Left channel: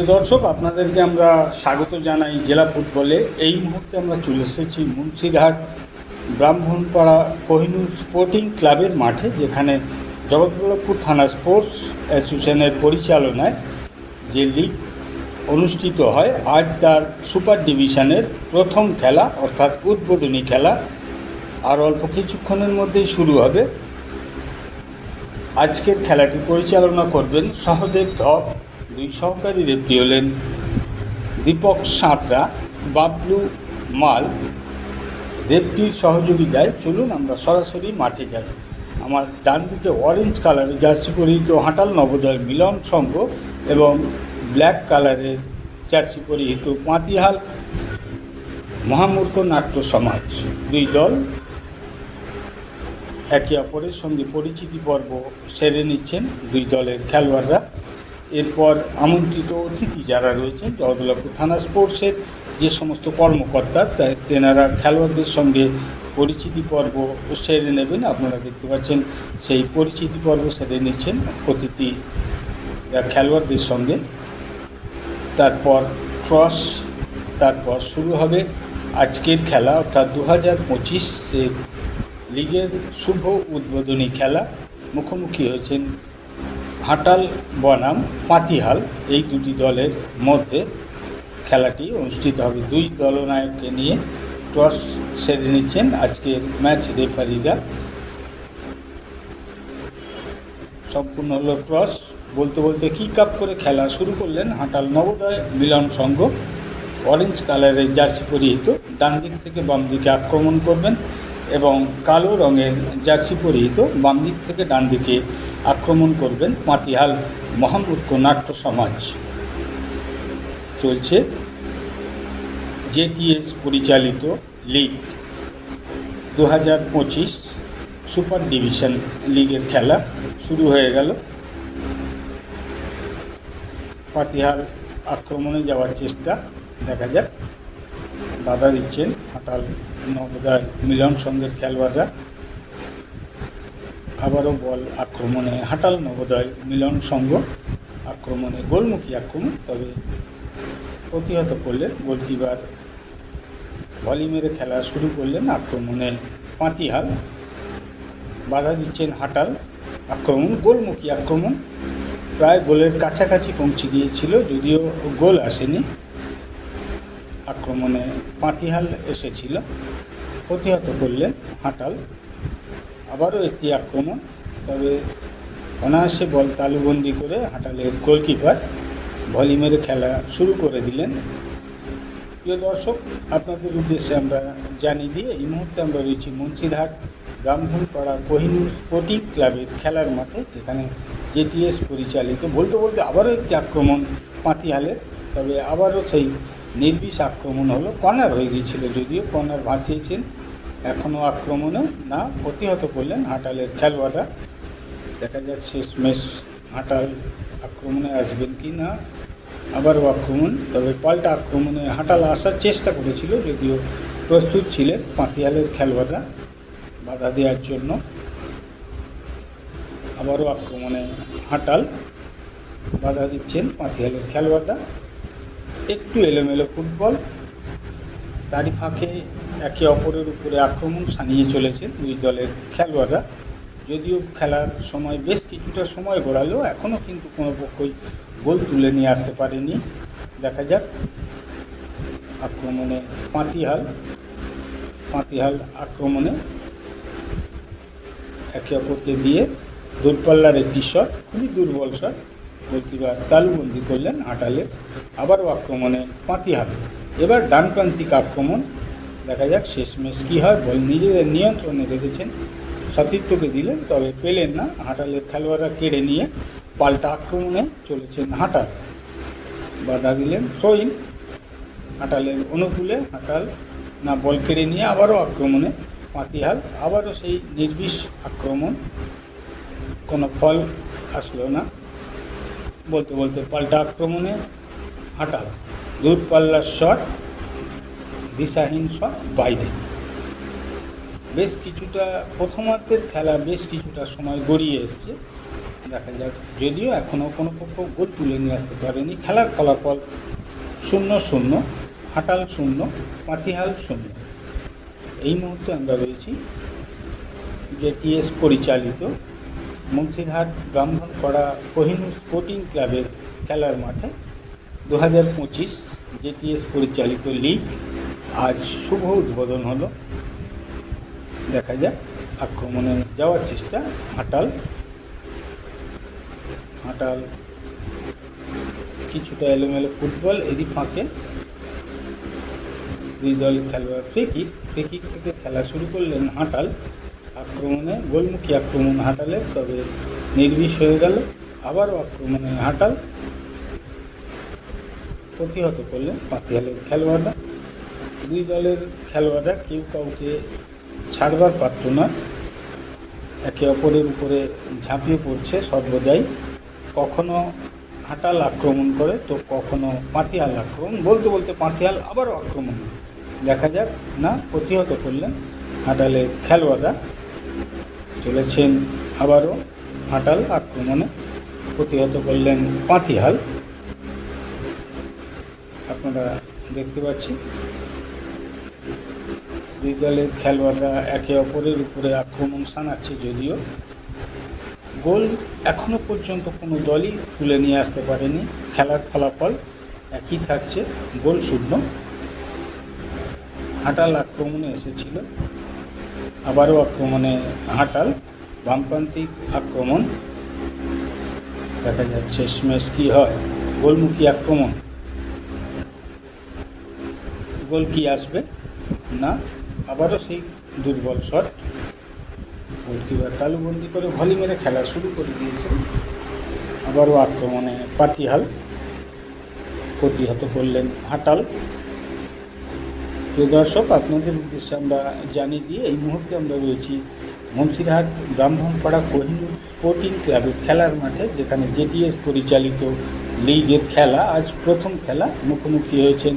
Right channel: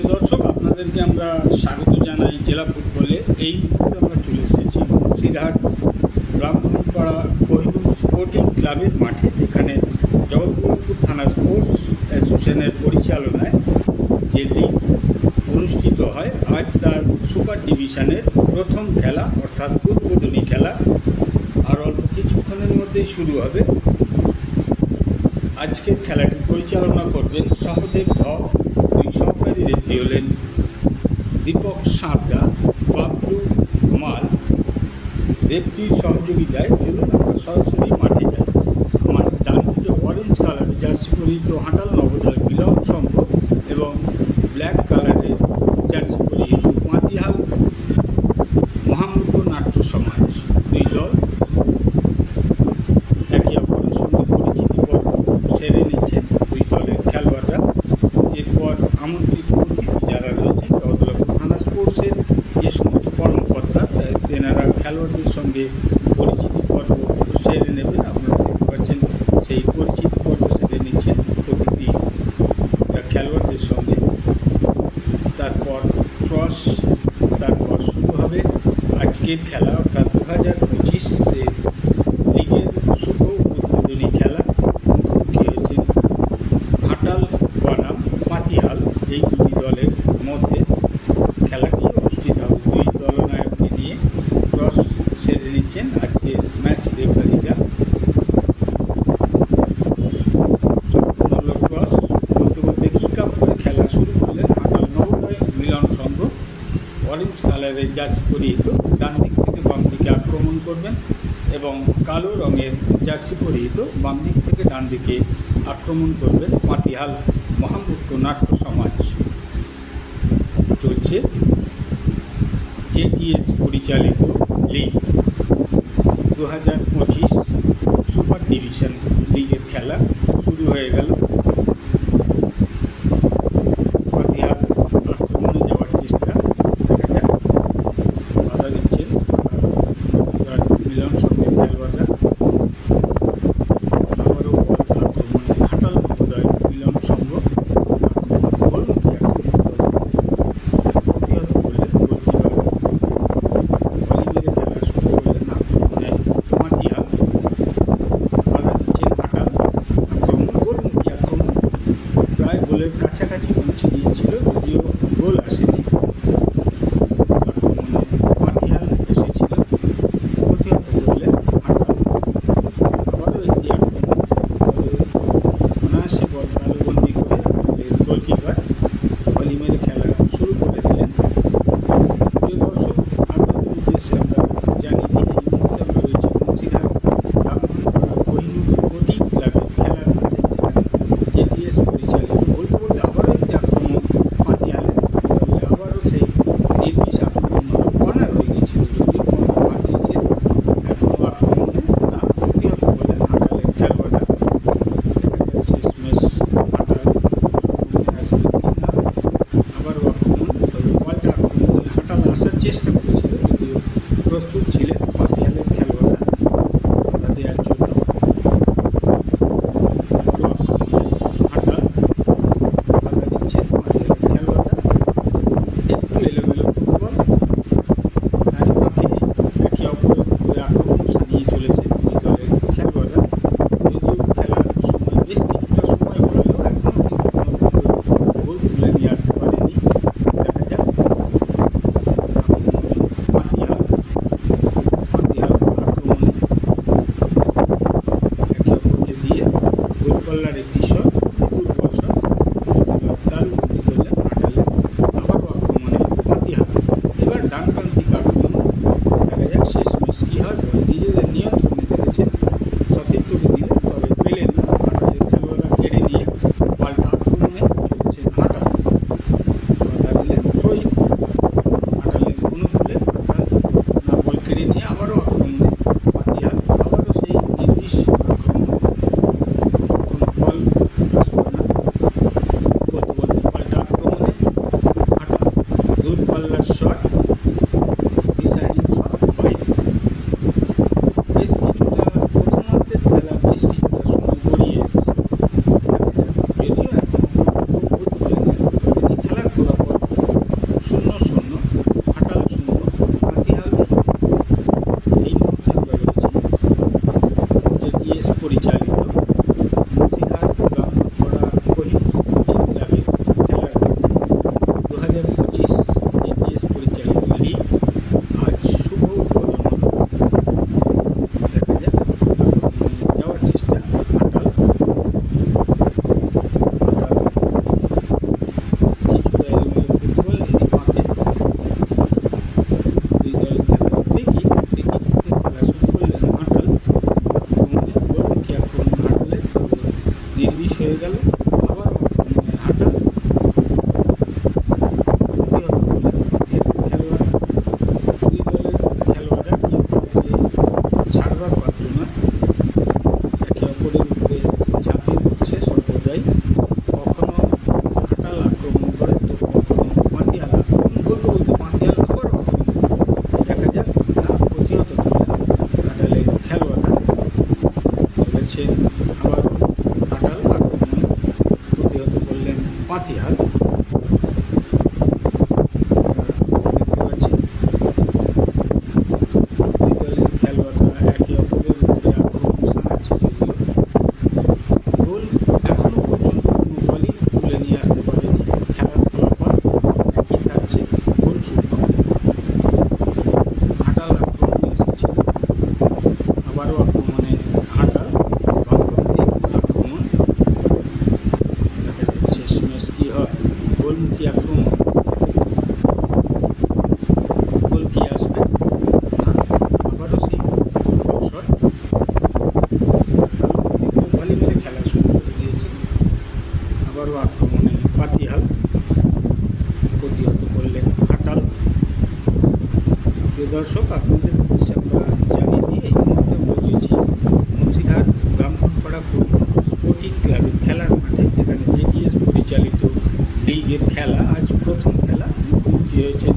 প্রিয় দর্শক, আপনাদেরকে আমরা স্বাগত জানাই জেলা ফুটবলে। এই মুহূর্তে আমরা চলে এসেছি মুন্সিরহাট ব্রাহ্মণপাড়া কোহিনুর স্পোর্টিং ক্লাবের মাঠে, যেখানে জগৎবল্লভপুর থানা স্পোর্টস অ্যাসোসিয়েশনের পরিচালনায় যে লিগ অনুষ্ঠিত হয়, আজ তার সুপার ডিভিশনের প্রথম খেলা, অর্থাৎ উদ্বোধনী খেলা। আর অল্প কিছুক্ষণের মধ্যেই শুরু হবে। আজকের খেলাটি পরিচালনা করবেন সহদেব দুই সহকারী রেফরি হলেন দীপক সাঁতরা, বাবলু মাল রেফরির সহযোগিতায় চলুন আমরা সরাসরি মাঠে যাই। আমার ডান দিকে অরেঞ্জ কালারের জার্সি পরিহিত হাঁটাল নবোদয় মিলন সংঘ এবং ব্ল্যাক কালারের জার্সি পরিহিত পাঁতিহাল মহামূর্খ নাট্য সমাজ। দুই দল একে অপরের সঙ্গে পরিচিতি পর্ব সেরে নিচ্ছেন। দুই দলের খেলোয়াড়রা এরপর আমন্ত্রিত অতিথি যারা রয়েছেন জগদলপুর থানা স্পোর্টসের যে সমস্ত কর্মকর্তা তেনারা খেলোয়াড়দের সঙ্গে পরিচিতি পর্ব সেরে নেবেন। আপনারা দেখতে পাচ্ছেন সেই পরিচিতি পর্ব সেরে নিচ্ছেন অতিথি খেলোয়াড়দের সঙ্গে। তারপর ট্রস তারপর শুরু হবে আজকের খেলা, অর্থাৎ দু হাজার পঁচিশে লিগের শুভ উদ্বোধনী খেলা। মুখোমুখি হয়েছেন হাটাল বনাম পাতিহাল এই দুটি দলের মধ্যে খেলাটি অনুষ্ঠিত হবে। দুই দলনায়ককে নিয়ে টস সেরে নিচ্ছেন আজকে ম্যাচ রেফারিরা। সম্পূর্ণ হলো টস বলতে বলতে কিক আপ করে খেলা শুরু করলেন হাটাল নবোদয় মিলন সংঘ। অরেঞ্জ কালারের জার্সি পরিহিত, ডান দিক থেকে বাম দিকে আক্রমণ করবেন এবং কালো রঙের জার্সি পরিহিত, বাম দিক থেকে ডান দিকে আক্রমণ করবেন পাতিহাল মহামূর্খ নাট্য সমাজ চলছে। জেটিএস পরিচালিত লিগ দু হাজার পঁচিশ সুপার ডিভিশন লিগের খেলা শুরু হয়ে গেল। পাতিহার আক্রমণে যাওয়ার চেষ্টা দেখা যাক। বাধা দিচ্ছেন আর নবদার মিলন সঙ্গের খেলোয়াড়রা। আবারও বল আক্রমণে হাটাল নবোদয় মিলন সংঘ গোলমুখী আক্রমণ তবে প্রতিহত করলেন গোলকিপার। বলি মেরে খেলা শুরু করলেন আক্রমণে পাঁতিহাল বাধা দিচ্ছেন হাটাল। আক্রমণ, গোলমুখী আক্রমণ। প্রায় গোলের কাছাকাছি পৌঁছে গিয়েছিল যদিও গোল আসেনি। আক্রমণে পাঁতিহাল এসেছিল। প্রতিহত করলেন হাটাল। আবারও একটি আক্রমণ, তবে অনায়াসে বল তালুবন্দি করে গোলকিপার ভলি মেরে খেলা শুরু করে দিলেন। প্রিয় দর্শক, আপনাদের উদ্দেশ্যে আমরা জানি যে এই মুহূর্তে আমরা রয়েছি মুন্সিরহাট ব্রাহ্মণপাড়া কোহিনুর স্পোর্টিং ক্লাবের খেলার মাঠে, যেখানে জেটিএস পরিচালিত বলতে বলতে আবারও একটি আক্রমণ পাতিহালের তবে আবারও সেই নির্বিষ আক্রমণ হলো কর্নার হয়ে গিয়েছিল, যদিও কর্নার বাঁচিয়েছেন এখনও আক্রমণে না প্রতিহত করলেন হাটালের খেলোয়াড়রা। দেখা যায় শেষ শেষমেশ হাটাল আক্রমণে আসবেন কি না আবারও আক্রমণ তবে পাল্টা আক্রমণে হাটাল আসার চেষ্টা করেছিল যদিও প্রস্তুত ছিলেন পাতিহালের খেলোয়াড়রা বাধা দেওয়ার জন্য। আবারও আক্রমণে হাঁটাল বাধা দিচ্ছেন পাতিহালের খেলোয়াড়রা। একটু এলোমেলো ফুটবল, তারই ফাঁকে একে অপরের উপরে আক্রমণ সানিয়ে চলেছে দুই দলের খেলোয়াড়রা। যদিও খেলার সময় বেশ কিছুটা সময় গড়ালেও এখনও কিন্তু কোনো গোল তুলে নিয়ে আসতে পারেনি দেখা যাক আক্রমণে পাঁতিহাল পাঁতিহাল আক্রমণে অপরকে দিয়ে দূরপাল্লার একটি শট, খুবই দুর্বল শট। এবার তালবন্দি করলেন হাঁটালেন আবারও আক্রমণে পাতি হাত। এবার ডানপ্রান্তিক আক্রমণ, দেখা যাক শেষমেশ কী হয়। বল নিজেদের নিয়ন্ত্রণে রেখেছেন, সতীর্থকে দিলেন, তবে পেলেন না। হাঁটালের খেলোয়াড়রা কেড়ে নিয়ে পাল্টা আক্রমণে চলেছেন হাঁটাল বাধা দিলেন থ্রোইন হাঁটালের অনুকূলে হাঁটাল না বল কেড়ে নিয়ে আবারও আক্রমণে পাতিহাল আবারও সেই নির্বিষ কোনো ফল আসলো না। বলতে বলতে পাল্টা আক্রমণে হাঁটা। দূরপাল্লার শট, দিশাহীন শট, বাইরে। বেশ কিছুটা প্রথমার্ধের খেলা, বেশ কিছুটা সময় গড়িয়ে এসছে। দেখা যাক, যদিও এখনও কোনো পক্ষ গোল তুলে নিয়ে আসতে পারেনি। খেলার ফলাফল শূন্য শূন্য, হাটাল শূন্য পাতিহাল শূন্য। এই মুহূর্তে আমরা রয়েছি জেটিএস পরিচালিত মুন্সিরহাট ব্রাহ্মণপাড়া কোহিনুর স্পোর্টিং ক্লাবের খেলার মাঠে দু হাজার পঁচিশ জেটিএস পরিচালিত লিগ আজ শুভ উদ্বোধন হলো। দেখা যাক, আক্রমণে যাওয়ার চেষ্টা হাটাল হাটাল কিছুটা এলোমেলো ফুটবল, এরই ফাঁকে। দুই দলের খেলোয়াড় ফ্রিকিক থেকে খেলা শুরু করলেন হাটাল আক্রমণে গোলমুখী আক্রমণ হাটালে, তবে নির্বিষ হয়ে গেল। আবারও আক্রমণে হাটাল প্রতিহত করলেন পাতিয়ালের খেলোয়াড়রা দুই দলের খেলোয়াড়রা কেউ কাউকে ছাড়বার পাত্র না। একে অপরের উপরে ঝাঁপিয়ে পড়ছে সর্বদাই। কখনো হাঁটাল আক্রমণ করে, তো কখনো পাতিয়াল আক্রমণ। বলতে বলতে পাতিয়াল আবারও আক্রমণ করে। দেখা যাক, না, প্রতিহত করলেন হাঁটালের খেলোয়াড়রা। চলেছেন আবারও হাটাল আক্রমণে। প্রতিহত করলেন পাতিহাল আপনারা দেখতে পাচ্ছেন দুই দলের খেলোয়াড়রা একে অপরের উপরে আক্রমণ শানাচ্ছে যদিও। গোল এখনও পর্যন্ত কোনো দলই তুলে নিয়ে আসতে পারেনি। খেলার ফলাফল একই থাকছে, গোল শূন্য। হাটাল আক্রমণে এসেছিল। আবারও আক্রমণে হাটাল, বামপ্রান্তিক আক্রমণ। দেখা যাক শেষমেশ কী হয়। গোলমুখী আক্রমণ। গোল কী আসবে? আবারও সেই দুর্বল শট এবার তালুবন্দি করে ভলি মেরে খেলা শুরু করে দিয়েছে আবারও আক্রমণে পাতিহাল প্রতিহত করলেন প্রিয় দর্শক আপনাদের উদ্দেশ্যে আমরা জানিয়ে দিই এই মুহূর্তে আমরা রয়েছি মুন্সিরহাট ব্রাহ্মণপাড়া স্পোর্টিং ক্লাবের খেলার মাঠে যেখানে জেটিএস পরিচালিত লিগের খেলা, আজ প্রথম খেলা। মুখোমুখি হয়েছেন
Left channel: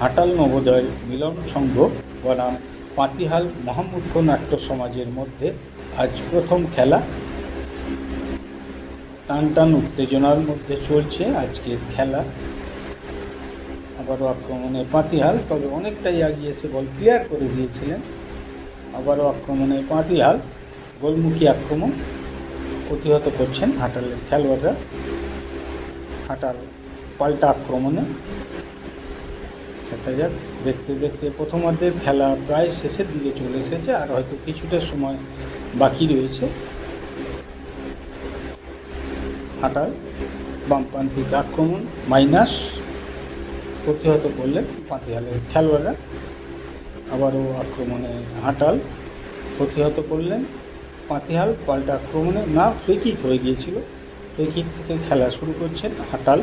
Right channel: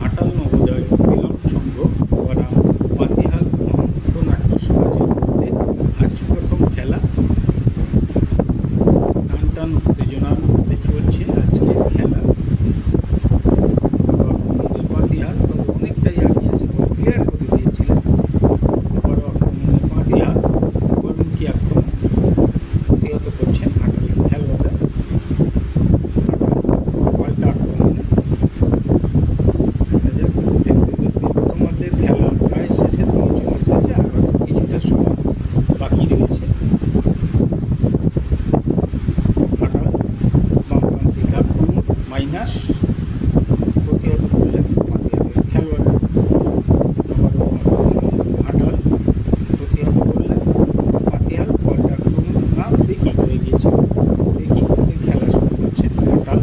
হাটাল নবোদয় মিলন সংঘ বনাম পাতিহাল মোহাম্মদপুর নাট্য সমাজের মধ্যে আজ প্রথম খেলা। টান টান উত্তেজনার মধ্যে চলছে আজকের খেলা। আবারও আক্রমণে পাতিহাল, তবে অনেকটাই আগিয়ে এসে বল ক্লিয়ার করে দিয়েছিলেন। আবারও আক্রমণে পাতিহাল, গোলমুখী আক্রমণ প্রতিহত করছেন হাটালের খেলোয়াড়রা। পাল্টা আক্রমণে। দেখা যাক, দেখতে দেখতে প্রথমার্ধের খেলা প্রায় শেষের দিকে চলে এসেছে, আর হয়তো কিছুটা সময় বাকি রয়েছে। হাটাল বামপ্রান্তিক আক্রমণ, মাইনাস প্রতিহত করলেন পাতিহালের খেলোয়াড়রা। আবারও হাটাল, প্রতিহত করলেন পাতিহাল পাল্টা আক্রমণে না ফ্রিকিক হয়ে গিয়েছিল। ফ্রিকিক থেকে খেলা শুরু করছেন হাটাল।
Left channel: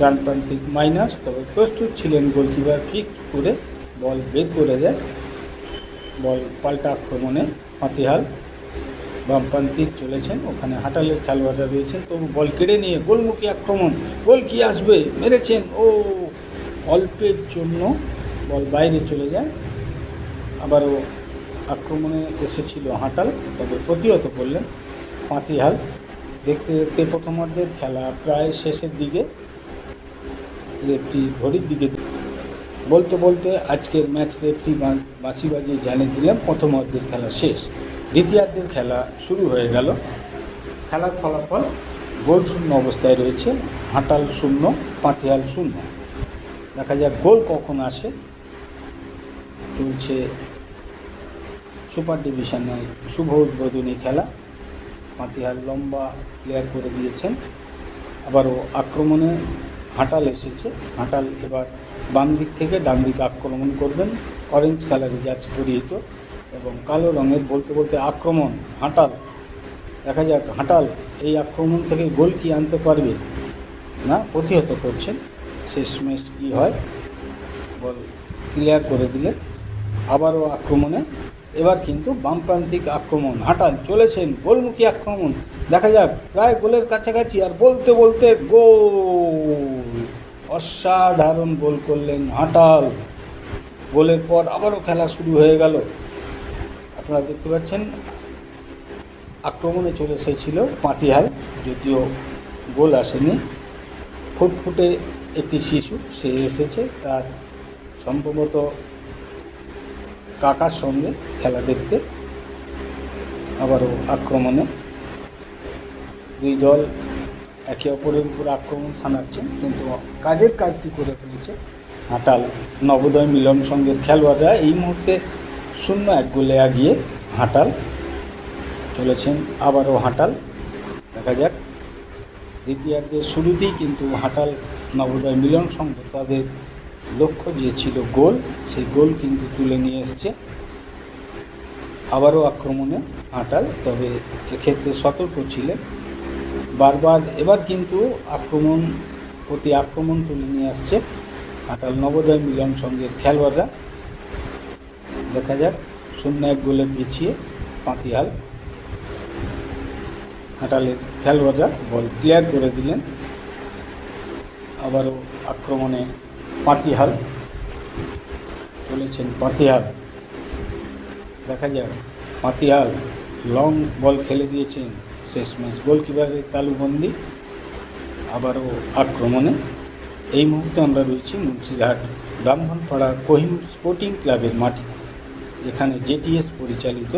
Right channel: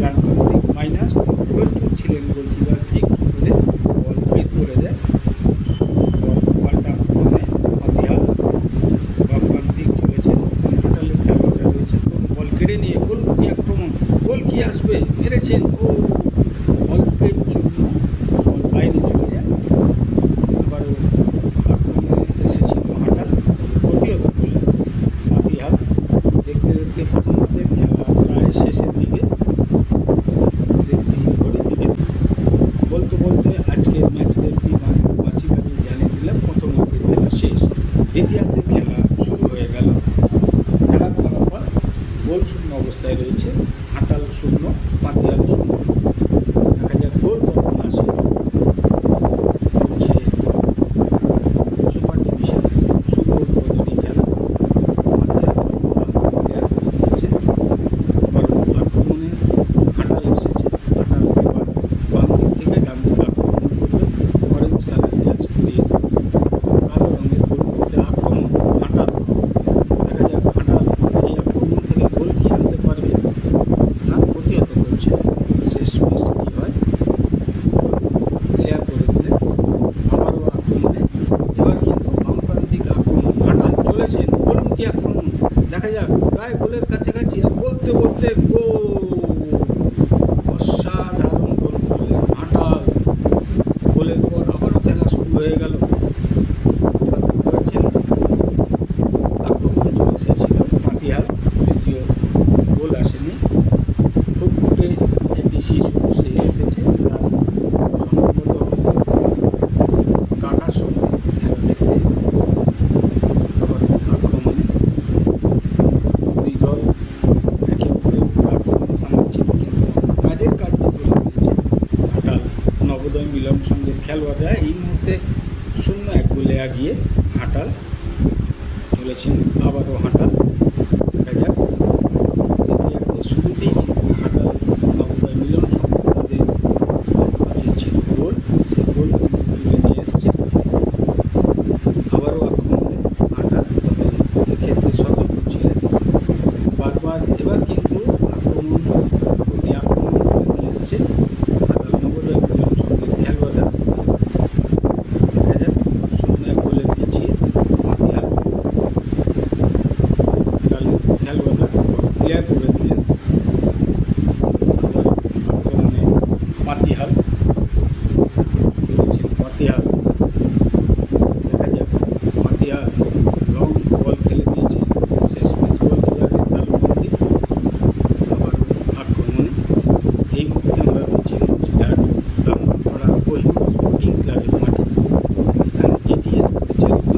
ডান প্রান্তিক মাইনাস প্রস্তুত ছিলেন গোলকিপার ঠিক করে বল বেদ করে দেয়। বল পাল্টা আক্রমণে পাতিহাল বামপ্রান্তিক চলেছেন। ওখানে হাটালের খেলোয়াড়রা রয়েছেন তো বল কেড়ে নিয়ে গোলমুখী আক্রমণ? গোল কি আসবে? মেরেছেন। ও অল্পের জন্য বল বাইরে চলে যায়। আবারও আক্রমণে এসেছিল হাটাল, তবে প্রতিহত করলেন পাতিহাল দেখতে দেখতে প্রথমার্ধের খেলা প্রায় শেষের দিকে রেফটি ঘড়ির দিকে বলতে বলতে আজকের ম্যাচ রেফটি বাঁশি বাজিয়ে জানিয়ে দিলাম প্রথমার্ধের খেলা শেষ। দ্বিতীয়ার্ধের খেলা শুরু হয়ে গেল। খেলার ফলাফল গোল শূন্য অবস্থায় রয়েছে, হাটাল শূন্য, পাতিহাল শূন্য। দেখা যাক গোল কখন আসে চলছে সুপার ডিভিশনের শুভ উদ্বোধনী খেলা পাতিহাল লম্বা ক্লিয়ার করে দিয়েছেন আবারও আক্রমণে হাটাল এসেছে। হাটাল এবার বাম দিক থেকে ডান দিকে আক্রমণ করবেন। অরেঞ্জ কালার জাজ পরিয়ে এবং কালো রঙের বলতে বলতে আক্রমণ, হাটাল। দেখা যাক, হাটাল এই আক্রমণ থেকে গোল কি আনতে পারবে না প্রতিহত করছে। শেষ ম্যাচ কী হয়? ক্লিয়ার করে দিলে আবারও আক্রমণে। এবার কিন্তু বামপ্রান্তিক আক্রমণ, হাঁটাল চলেছেন গোলমুখী আক্রমণ। দেখা যাক, প্রায় গোলের কাছাকাছি আর বলতে বলতে গোল। অসাধারণ গোল করলেন হাঁটাল। গোলের পর আবারও খেলা শুরু হয়ে গেল। আপনারা দেখতে পাচ্ছেন, আক্রমণে চলে এসেছিল পাতিহাল যদিও গোল আসেনি। ফুটফুটে একটি শিশু, সে এসেছে তার সম্ভবত কাকার সঙ্গে খেলা দেখতে আবারও আক্রমণে দুই দল একে অপরের উপর আক্রমণ কিন্তু কাজের কাজটি করে ফেলেছে। হাটাল, নবোদয় মিলন সংঘের খেলোয়াড়রা এই মুহূর্তে শূন্য এক গোলে এগিয়ে হাটাল চলেছেন আবারও হাটাল। দেখা যাক দ্বিতীয়ার্ধের শুরুতেই কিন্তু হাটাল, নবোদয় মিলন সংঘ তাদের লক্ষ্য যে ছিল গোল সেই গোল কিন্তু তুলে নিয়ে এসছে। আবারও আক্রমণে হাটাল, তবে এক্ষেত্রে সতর্ক ছিলেন বারবার এবার কিন্তু আক্রমণ প্রতি আক্রমণ করে নিয়ে আসছে হাটাল নবোদয় মিলন সংঘের খেলোয়াড়রা দেখা যাক শূন্য এক গোলে পিছিয়ে মাতিহাল হাটালের খেলোয়াড়রা বল ক্লিয়ার করে দিলেন। আবার আক্রমণে পাতিহাল চলেছেন পাতিহাল দেখা যাক পাতিহাল লং বল খেলে দিয়েছে, শেষ ম্যাচ গোলকিপারের তালুবন্দি আবারও আক্রমণে। এই মুহূর্তে আমরা রয়েছি মুন্সিরহাট ব্রাহ্মণপাড়া কোহিনুর স্পোর্টিং ক্লাবের মাঠে, যেখানে জেটিএস পরিচালিত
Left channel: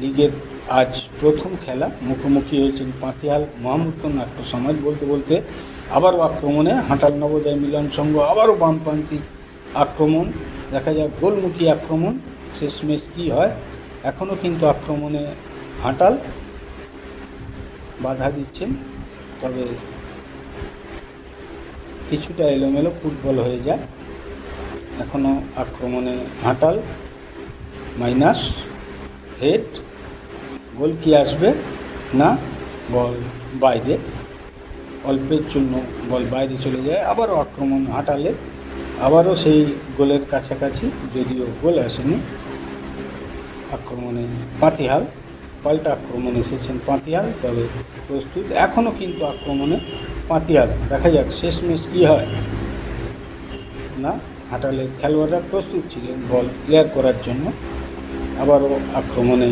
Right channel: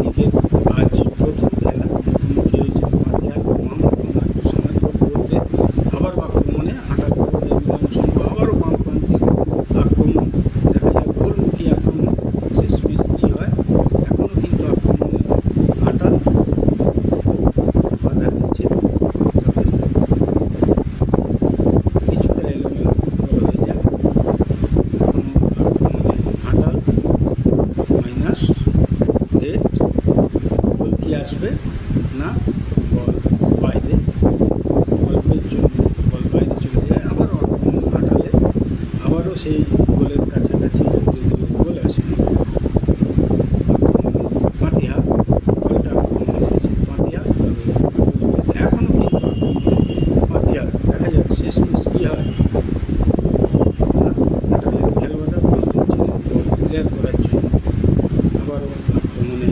লিগের আজ প্রথম খেলা মুখোমুখি হয়েছে মাতিয়াল মহামুক্ত নাট্য সমাজ বলতে বলতে আবারও আক্রমণে হাঁটার নবোদয় মিলন সংঘ আবারও বামপ্রান্তিক আক্রমণ। দেখা যায় গোলমুখী আক্রমণ। শেষমেশ কী হয়? এখনও কিন্তু আক্রমণে হাঁটাল বাধা দিচ্ছে। তবে কিছুটা এলোমেলো ফুটবল হয়ে যায়। এখনও আক্রমণে হাঁটাল মাইনাস হেড গোল কি আসবে? না, বল বাইরে। অল্পের জন্য বল বাইরে চলে যায়, আবার আক্রমণ হাঁটালে আবারও সেই গোলের কাছাকাছি যদিও গোল আসেনি। আক্রমণে পাতিহাল পাল্টা আক্রমণ এসেছেন পাতিহাল তবে প্রস্তুত। এখনও কিন্তু আক্রমণে পাতিহাল দেখা যাক শেষমেশ কী হয়। না, হাঁটালের খেলোয়াড়রা প্রস্তুত ছিলেন বল ক্লিয়ার করার জন্য। আবারও আক্রমণে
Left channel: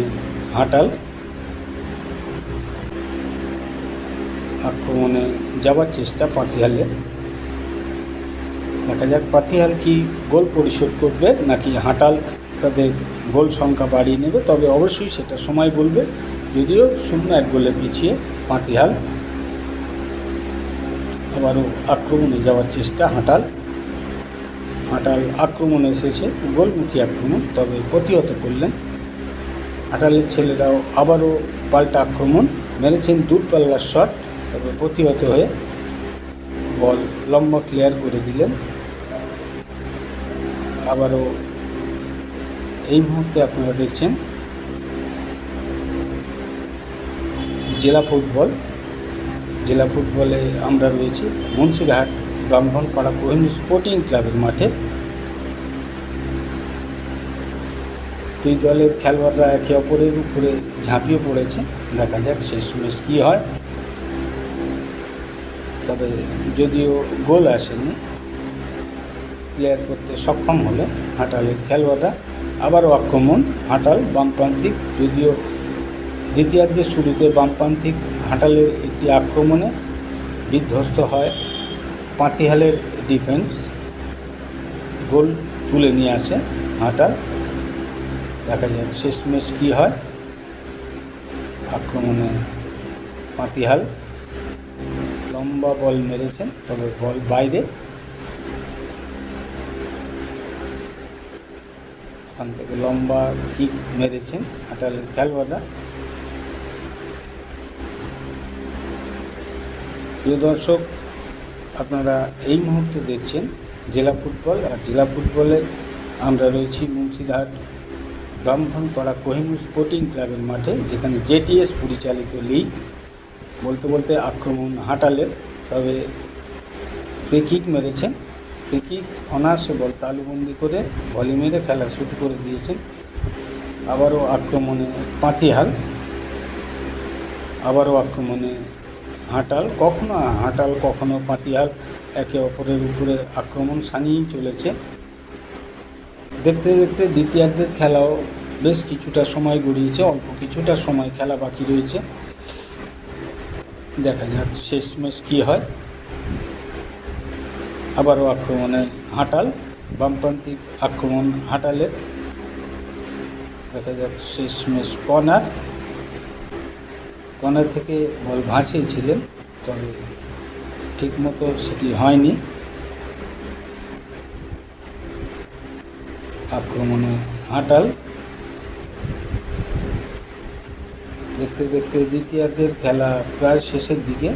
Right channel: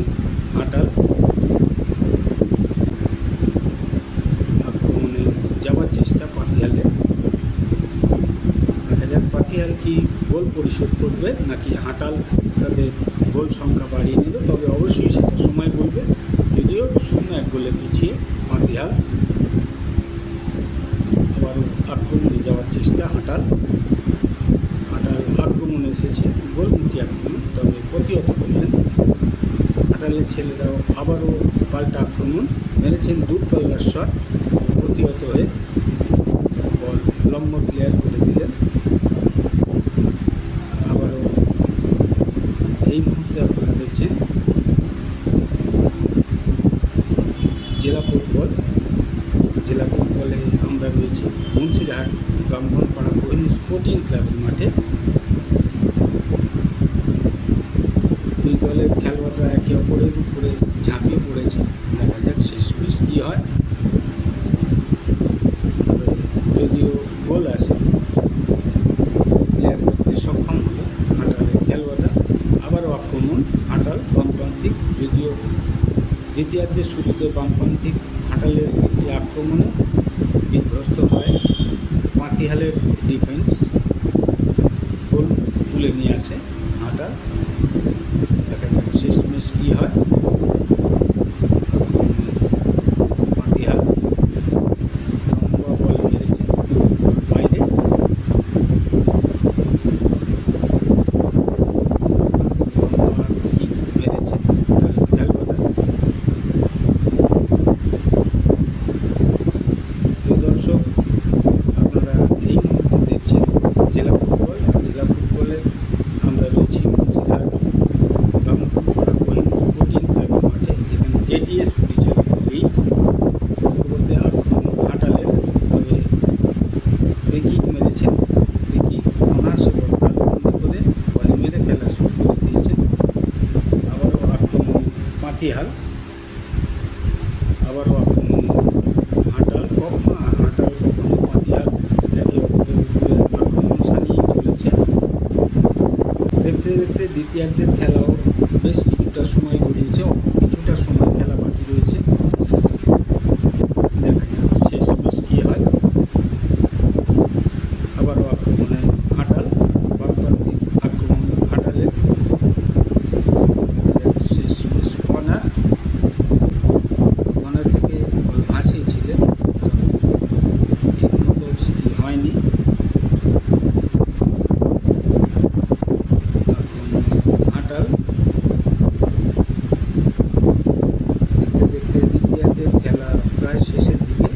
হাঁটাল আক্রমণে যাওয়ার চেষ্টা পাতিহালে দেখা যাক পাতিহাল কি গোল পরিশোধ করবে নাকি হাঁটাল তাদের গোল সংখ্যা বাড়িয়ে নেবে। তবে অবশ্যই সেটা সময় বলবে। যদিও শূন্য এক গোলে পিছিয়ে পাতিহাল আবারও আক্রমণে যাওয়ার চেষ্টা হাঁটাল। হাঁটাল আক্রমণে এসেছে গোলমুখী আক্রমণ, তবে প্রতিহত করলেন। হাঁটালের ছেলেরাও আবারও পাল্টা আক্রমণ, মেরেছেন দূরপাল্লার শট। প্রতিহত হয়ে বল লম্বা ক্লিয়ার করে দিলেন। আবারও এই মুহূর্তে আপনারা দেখছেন জেলা ফুটবল। জেলা ফুটবলে আমরা রয়েছি মুন্সিরহাট ব্রাহ্মণপাড়া কোহিনী স্পোর্টিং ক্লাবের মাঠে। দুই দলের খেলোয়াড়রা একে অপরের উপরে ঝাঁপিয়ে পড়েছে। দেখা যাক শেষমেশ কী হয় তবে যদিও গোল আসেনি ক্লিয়ার করতে সক্ষম হলে হাঁটালের খেলোয়াড়রা। আবারও আক্রমণ, হাঁটাল বামপ্রান্তিক যদিও দ্বিতীয়ার্ধের শুরুতে বামপ্রান্তিক হাঁটালের একটি আক্রমণে বিধ্বস্ত হয় পাতিহালের ডিফেন্স গোল তুলে নিয়ে আসে হাঁটাল। দেখা যাক শেষমেশ কী হয়। আক্রমণে পাতিহাল লম্বা বল মেরেছেন তবে বল বাইরে এখান থেকে লম্বা কিক মেরেছেন হাটালের খেলোয়াড়রা প্রিয় দর্শক, আপনারা এই মুহূর্তে দেখছেন জেলা ফুটবল আর জেলা ফুটবলে আমরা রয়েছি মুন্সিরহাট, ব্রাহ্মণপাড়া কোহিনুর স্পোর্টিং ক্লাবের মাঠে, যেখানে জেটিএস পরিচালিত লিগ বলতে বলতে আক্রমণ হাঁটালের তবে ফ্রিকিক মেরেছেন। ফ্রিকিক অনার্সে বল তালুবন্দি করে বলি মেরে খেলা শুরু করে দিয়েছেন। আবারও আক্রমণে পাতিহাল। আবারও আক্রমণে হাঁটাল, কখনো হাঁটাল, কখনো পাতিহাল একে অপরের উপরে আক্রমণ সানিয়েই চলেছে। দেখতে দেখতে দ্বিতীয়ার্ধের খেলাও বেশ কিছুটা সময় গড়িয়েছে, অল্প কিছুটা সময় খেলা বাকি রয়েছে। দেখা যাক শেষমেশ কী হয়। আবারও আক্রমণে হাঁটাল, বামপ্রান্তিক আক্রমণ হাঁটালের। দেখা যাচ্ছে শেষমেশ কর্নার। কর্নার থেকে বল তবে ঠিকমতো সেটি হয়নি। আক্রমণে হাঁটাল। দেখতে দেখতে দ্বিতীয়ার্ধের খেলা প্রায় শেষের দিকে।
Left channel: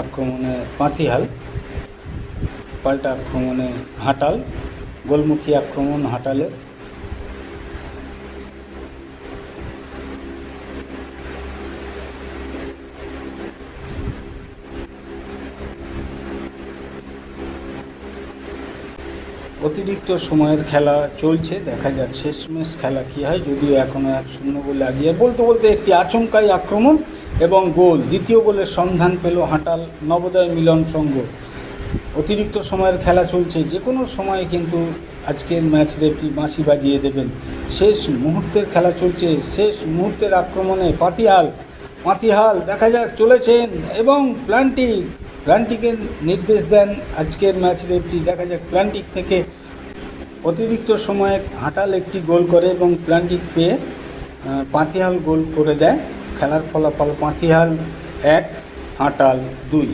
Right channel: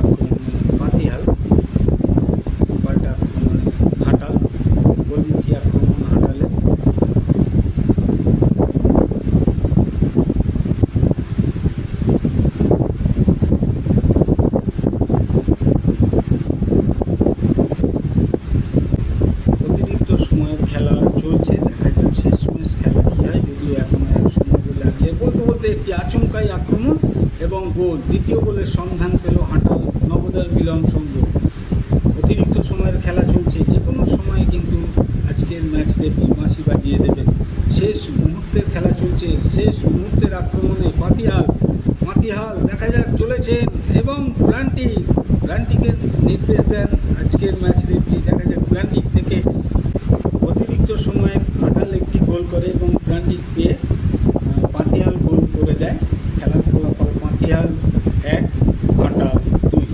আক্রমণে পাতিহাল পাল্টা আক্রমণে হাঁটাল, গোলমুখী আক্রমণ হাঁটালে। অতিরিক্ত সময়ের খেলা চলছে, দেখা যাক শেষমেশ খেলা কী হয়। যদিও এখনও এক শূন্য গোলে আগিয়ে, বলতে বলতে একটি আচমকাই আক্রমণ এবং গোল। দ্বিতীয় গোলের সন্ধান পেল হাঁটাল নবোদয় মিলন সংঘ। অতিরিক্ত সময়ের খেলা চলছে যে কোনো সময় কিন্তু আজকের ম্যাচ রেফারি বাঁশি বাজিয়ে দেবেন। শেষ মুহূর্তের খেলা চলছে, শেষ মুহূর্তের আক্রমণে পাতিহাল পাতিহাল দেখা যাক চলেছেন এবং প্ল্যান্টিক প্ল্যান্টিকের নির্দেশ দেন আজকের ম্যাচ রেফারি দেখা যাক প্ল্যান্টিক থেকে অতিরিক্ত সময়ে হাঁটাল একটি গোল করে এবং প্ল্যান্টিক পেয়ে পাতিহাল গোল করে দেয়। খেলার ফলাফল পাতিহাল এক হাঁটাল দুই।